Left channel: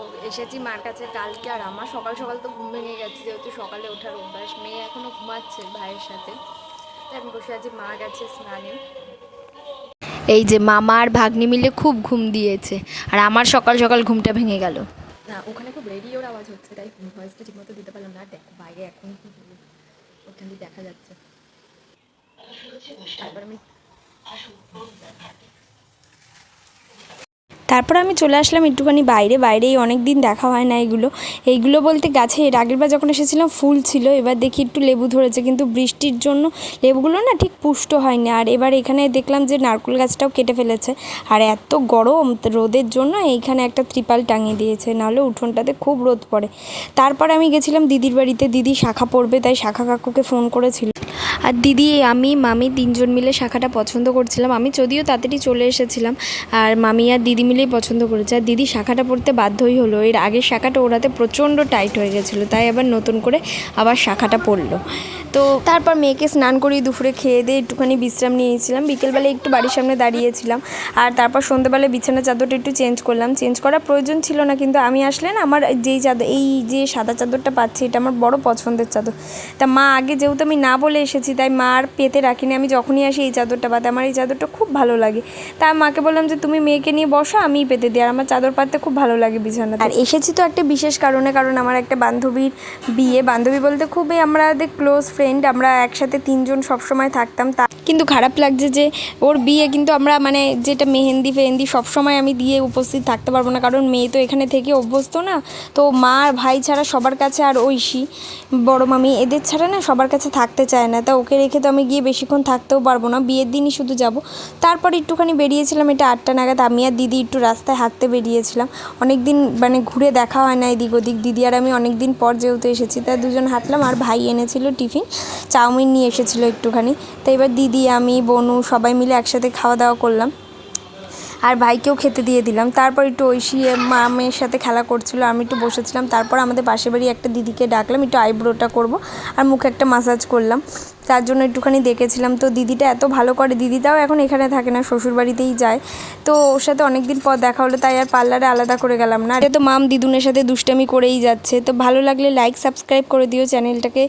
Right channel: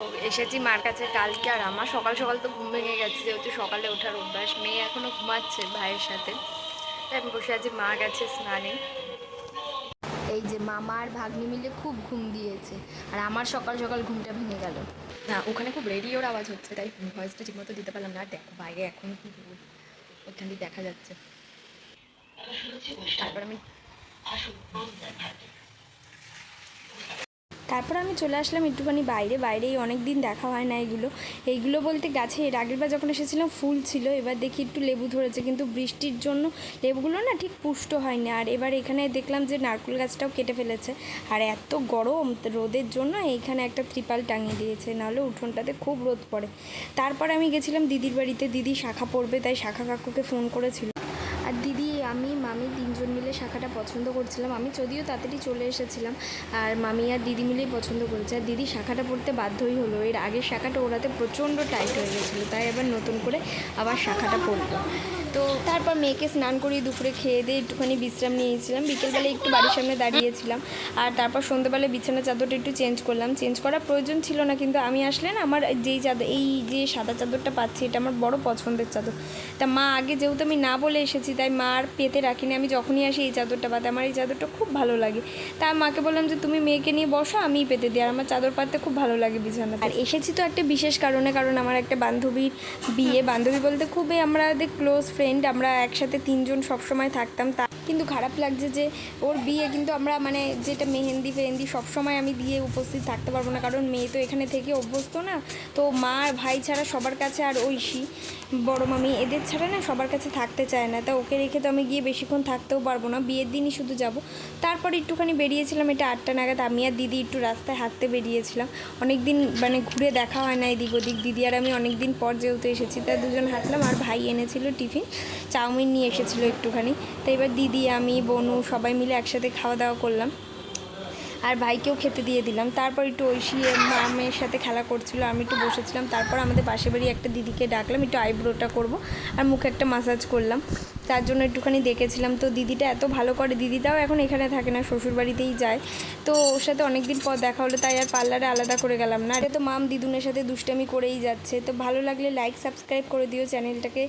এসেছি মার কাছে কালকে, আর আমার সকাল সকাল তো ঘুম ভেঙে গেছে, যেহেতু সকালে ওঠার অভ্যাস। মেয়ে এখনও ঘুমাচ্ছে ভাইয়ের সাথে, তাই আমি বসে আছি। মা গেছে স্নানে। এই যে মামা আর ভাগ্নি মিলে খুব ঘুম দিয়েছে, আর আমার সকাল সকাল ঘুমটা ভেঙে গেল। না, ওখানে খুব রেডিওর আওয়াজ হচ্ছে, তাই ভয়েসটা ঠিকমতো দিতে পারলাম না। দেখো বাইরে এখন কি ওখান দিয়ে দেখা যাচ্ছে। তারপর আমি তারপর আমি চলে আসলাম একটুখানি বাইরেই অনেক দিন দেখা হয় না। এইগুলো বলতে গাছে এর আগের বার যখন এসেছিলাম ফুল ছিল, এবার দেখি একটু লেবু ধরেছে, কিন্তু বৃষ্টির জন্য লেবুগুলো না ঠিক পুষ্ট হয়নি। আর এবার এখানে দেখলাম যে নারকেল গাছটাও কেটে ফেলেছে, আর এত গরম রোদের জন্য এইখানে একটা ত্রিপাল টাঙিয়ে দিয়েছে, নাহলে উঠোনটাতে খুব রোদ পড়ে। তারপর আমি গেছিলাম দিদির বাড়িতে, দিদি শাখা পড়বে, তাই শাখা কাকুকে ফোন করেছিল। আর দিদি, আমি, মামি তিনজন মিলে শাখাটা পছন্দ করছিলাম। আমি যদিও তাড়াতাড়ি চলে এসেছিলাম, আর মামি আর দিদি মিলেই পছন্দ করেছে। আর দিদি শাখাটা পরতে বাধ্যই হলো, এর আগের শাখাটা ওরাতে প্রচণ্ড টাইট হয়ে গেছিলো, তাই আবার নতুন করে আবার শাখাটা পরলো। তো তারপর মেয়েকে স্নান করিয়ে দুপুরে খেয়ে দিয়ে একটুখানি বিশ্রাম নিয়েছিলাম। বিকেলবেলা একটু বাড়ির সামনে দাঁড়িয়েছিলাম, আর তারপর সন্ধ্যেবেলা বিছানা চাদরটা একটু চেঞ্জ করলাম। চেঞ্জ করার প্রয়োজন ছিল না, কিন্তু আমি আসলে না, আমার এই যে সাদা চাদরটা পাচ্ছি, এটা আমার বড় পছন্দের চাদর। তা মা আগে যেহেতু আমি না বলে এসেছি, তাই মা আর পেতে রাখিনি। আমি যখনই আসি এই চাদরটা পাতে, আমার এই চাদরটা খুব ভালো লাগে। তাই মাকে বললাম যে তুমি মেয়েকে নিয়ে বসো, আমিই পেতে দিই, আর আমার চাদর পাততে খুব ভালো লাগে বিছানাতে। আর এসেছি তো একটা বিশেষ কারণে, কারণ আমার একটা বান্ধবীর বিয়ে। বান্ধবী বলতে খুবই আমাদের ক্লোজ ফ্রেন্ড, আমরা একসাথে তিনজন সবসময় থাকতাম। তা কিন্তু খারাপ লাগছে যে ওর বিয়ে, কিন্তু আমরা মানে যেটা মেহেন্দি ফেহেন্দি সবসময় আমি দিয়ে উপস্থিত থাকতে পারবো না, কারণ মেয়ে তো এখানে থেকে অভ্যস্ত না। তো মা আর ভাই ছাড়া সবার কাছে, আর ঐশী বড় মামি, এদের ছাড়া না সবার কাছে থাকতে চায় না। তা ওকে রেখে তো আমি গিয়ে বেশিক্ষণ থাকতেও পারবো না, বিয়ের দিনই শুধু যাব। তারপর একটুখানি বেরিয়েছিলাম, এটা 8টা নাগাদ। আমি আর দিদি একটু রাস্তায় হাঁটতে বেরিয়েছিলাম। অনেক দিন মানে ঘুরে দেখা হয় না এদিক ওদিক। দিদি আর আমি অনেক দিন পর যেহেতু এসেছি, তাই দুজন হাঁটলাম। আর ভাই এনেছিল টিফিন, চাউমিন নিয়ে এসেছিলো একটুখানি। তো এবার দিদি, আমি, বনু সবাই মিলে একসাথে খাওয়া দাওয়া করলাম, আর ভাইকেও খেতে দিয়ে দিলাম। তারপর একটু ঐশী মামের সাথে খেলা করছিল, আমি একটু বসেছিলাম। তারপর আমাদের পাশের বাড়ি একটা দিদিকে ডাকলাম, একটু আইব্রোটা করব আর মুখে একটা মাসাজ করলাম, তার জন্য একটুখানি দেখেছিলাম। তো দিদিটা এত ভালো করে, দিদিটাও এখন এখানে থাকে না, শ্বশুরবাড়িতেই যায়। তো ওর সাথে অনেক দিন পর দেখা হলো, তাই আর পার্লারে আলাদা করে গেলাম না। তো মাম দিদুনের সাথে দুষ্টামি করেই যাচ্ছে। তো ভালো লাগলে লাইক সাবস্ক্রাইব করে দিও চ্যানেলটাকে।